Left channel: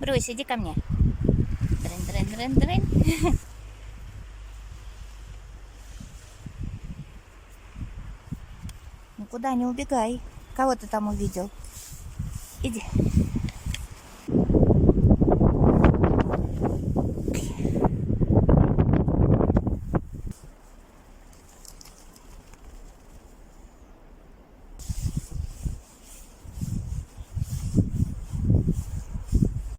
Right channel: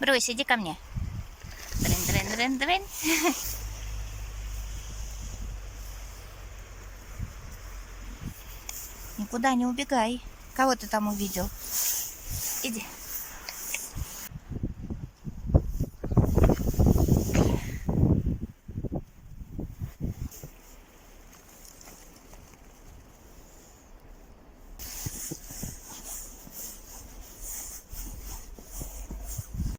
Брусь, иди ко мне. Дрын-дрын-дрын-дрын. Никуда не убегай. Кого ты там увидел? Иди.